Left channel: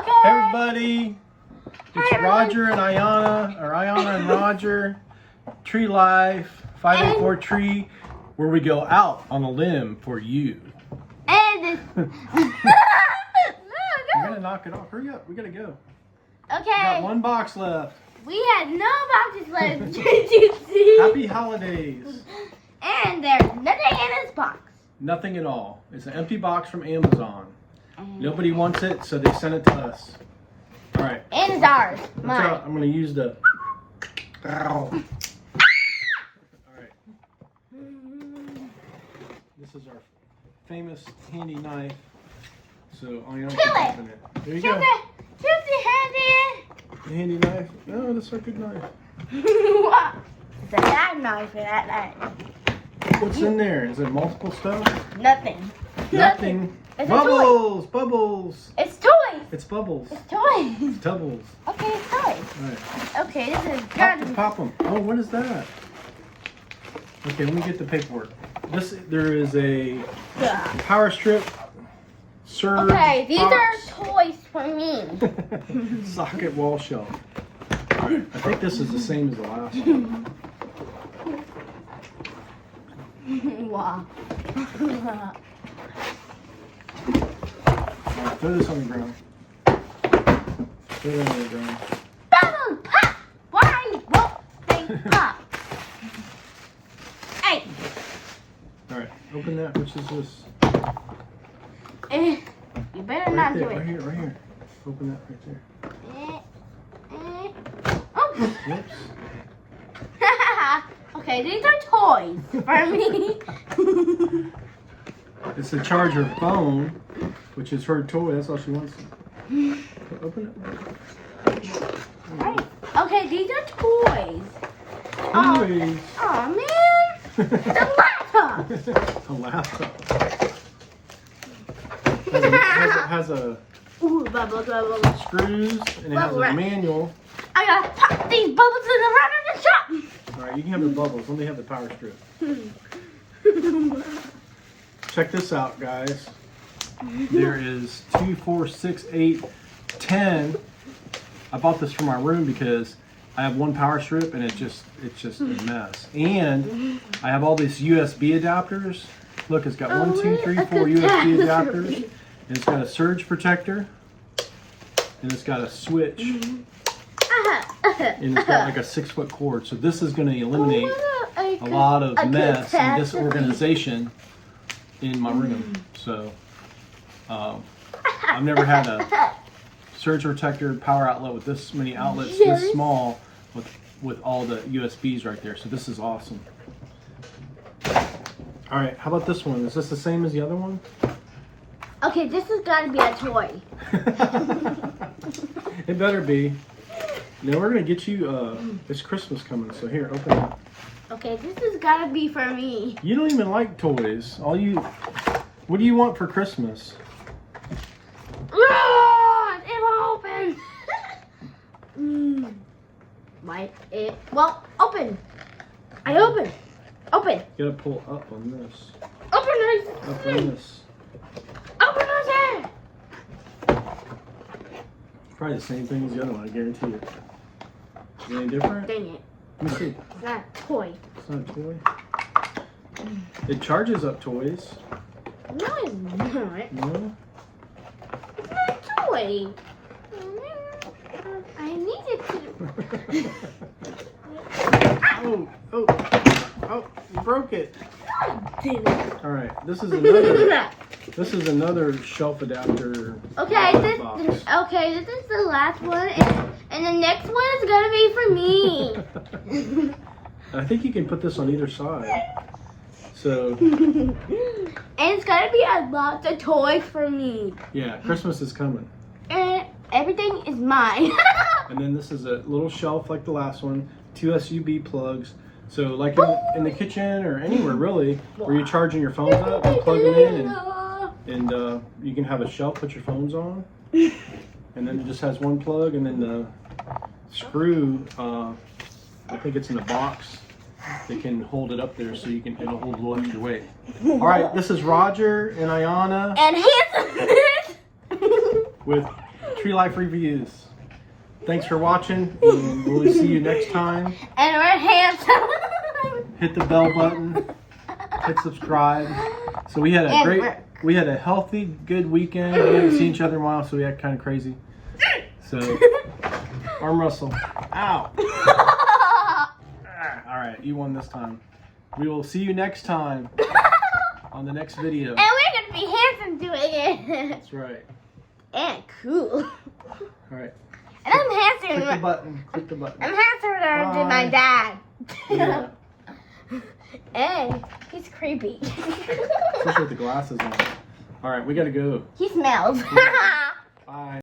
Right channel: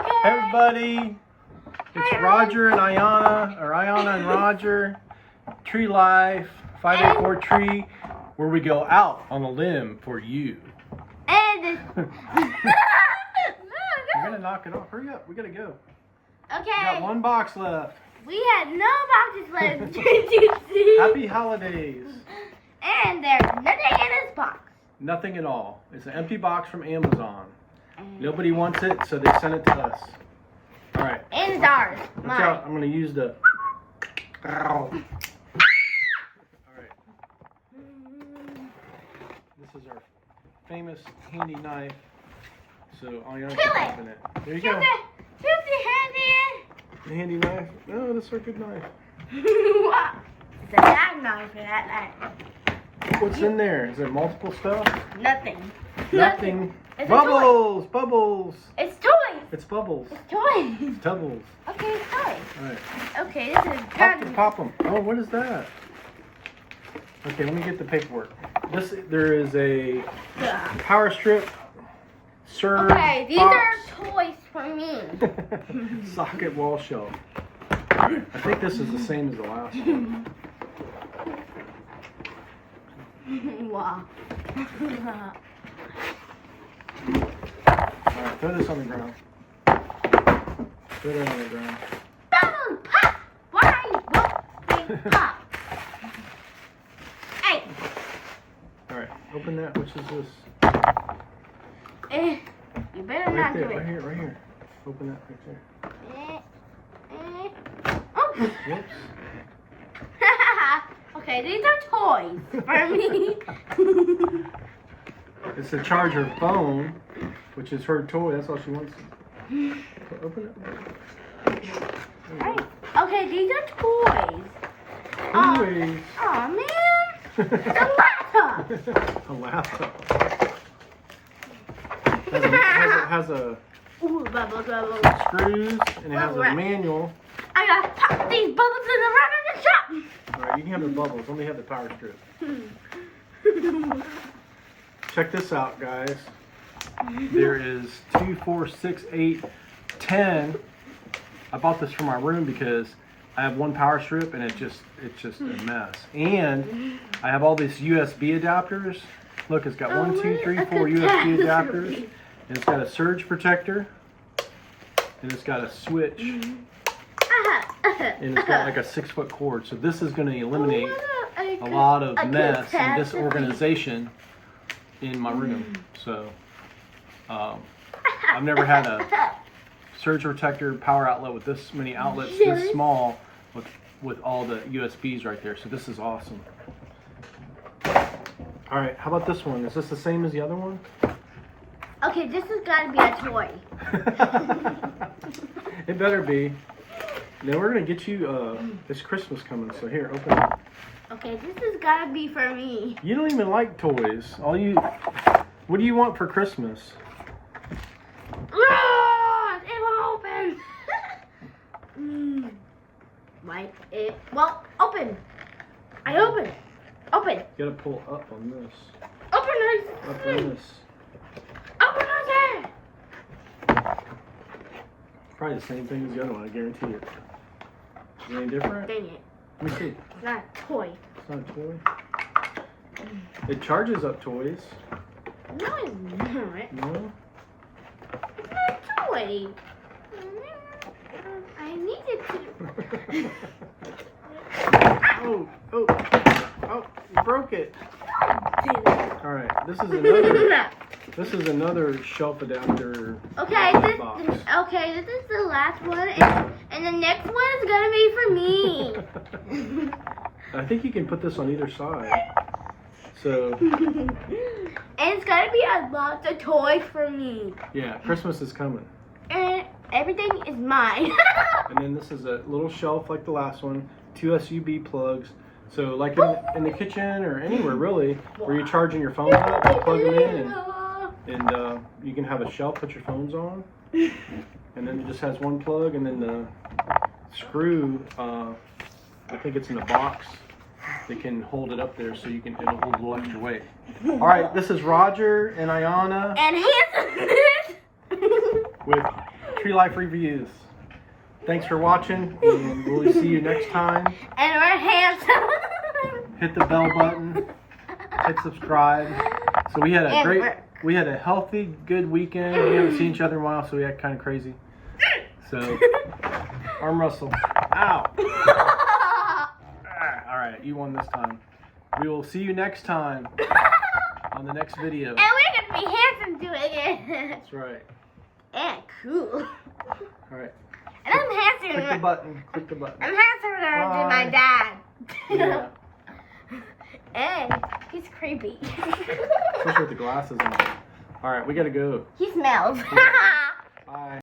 Okay. Hey everybody, it's Roger and Aiyana, or Aiyana and Roger, Tree Life, 584 Tree, where we go out on a limb for you. And You're gonna knock it off. Hurry up, we gotta go. okay. We got one box left. We had no boxes left. Did you see? Happy holidays. And there's nothing in this box. Nothing at all. It's an empty box from Amazon. Nobody wants it, so they sent it to us. All right. And it's ours. Watch Mine. out. I'm gonna use the. All right. This is our famous handy knife. So Aiyana can open it. There you go. Shoot the handy. The handy knife. Oh, that's our good knife. It's a bad knife for that knife. What's in there? Is there multiple stuff? Nothing. Nothing. It's Bubbles! Bubbles! It's toys. It's bubbles. It's toys. Doubles. Okay, it's toys. All right. Okay, this is Pop them. Oh, what is that? Okay, let me get the paperwork. There is a power strip, surge Okay, these box, are toys for me. socket wall shelf. I think this is the same as the last one. Wow. All right, throw this on the ground. Throw that on the ground. Bubbles pop. Why won't they pop? Hey. All right, open that. Which is this? You better Right not there, do right it. here, right here. Open that right there. Oh. Whoops. Okay, these are toys for me. It's a charger phone, which is her toy. That's all she wants. Open it. Okay, these are toys. Toys. Oh man, the laptop. A laptop. Has a Ooh, bubbles, bubbles. screws and it has a manual. I gotta pop these bubbles in the front of the shop. All right, you can have the bubbles. Let me have the power strip. Check this out, guys. There is 2, 4, 6, 8, 10. I bought this for my room because I have one power strip and it's just a mess. And I have all these USB adapters. Look, it's got 1, 2, 3, 4 USB adapters. And it's got a surge protector. And it's got a switch. And it's got like a 6-foot cord. So this is going to eliminate a lot of mess and disorganization in my room. So I've never had a surge protector power outlet with this many outlets this small with all the USBs right there. So this is awesome. All right, how about this one? Is this the same as the other one? Okay, this has got to be a toy. It better be. No, we're gonna get you. It's Christmas coming, so here, open it. Okay, this has got to be for me. You don't even like toys. What do you want for Christmas? Ah, it won't open. Might it? Well, open. I open. Open. You gotta pull up on this. Open this. Up on this. Open this. Probably the same thing as the other one, I guarantee you. Is it any different? Dang it. Let me see. It's not a toy. It's not a toy. It charges up toys. No, it's not. No? It's not a toy. I need it to. Oh, you broke it. Dang it. All right, this is another shelf adapter Okay, box. this is the last one, and the next one is gonna be for me. I think you can put this on either side. So, And it's gonna be a lot of toys for me. yeah, Christmas is coming. And everything is mine. And then this is a little shelf like the last one, 2 USB plugs. So like in the kitchen or anywhere really, where you're charging your phones up, you plug them in and you can have a shelf, put your phones on. And then it just has one plug and then the screw, I think it's in a box. They can hold it up there so it'll hold a little extra weight. All right, this is Roger and Aiyana And here's with Tree Life Reviews. Thanks for watching, and we'll see you next time. And we're handsome. Hit the bell button. Hit subscribe. So we had a healthy, good weekend. We haven't seen each other in a while, so we act kind of crazy. So, arm wrestle. Ow. All right, you won this time. We will see you next time on the next video. And we're gonna be handsome doing it. That's right. And cool. All right. And I'm handsome. Click the button. Click the button. I'm handsome than my dad. Yeah. And he's creepy. Especially with the glasses on. All right, we gotta go. He smells. Bye.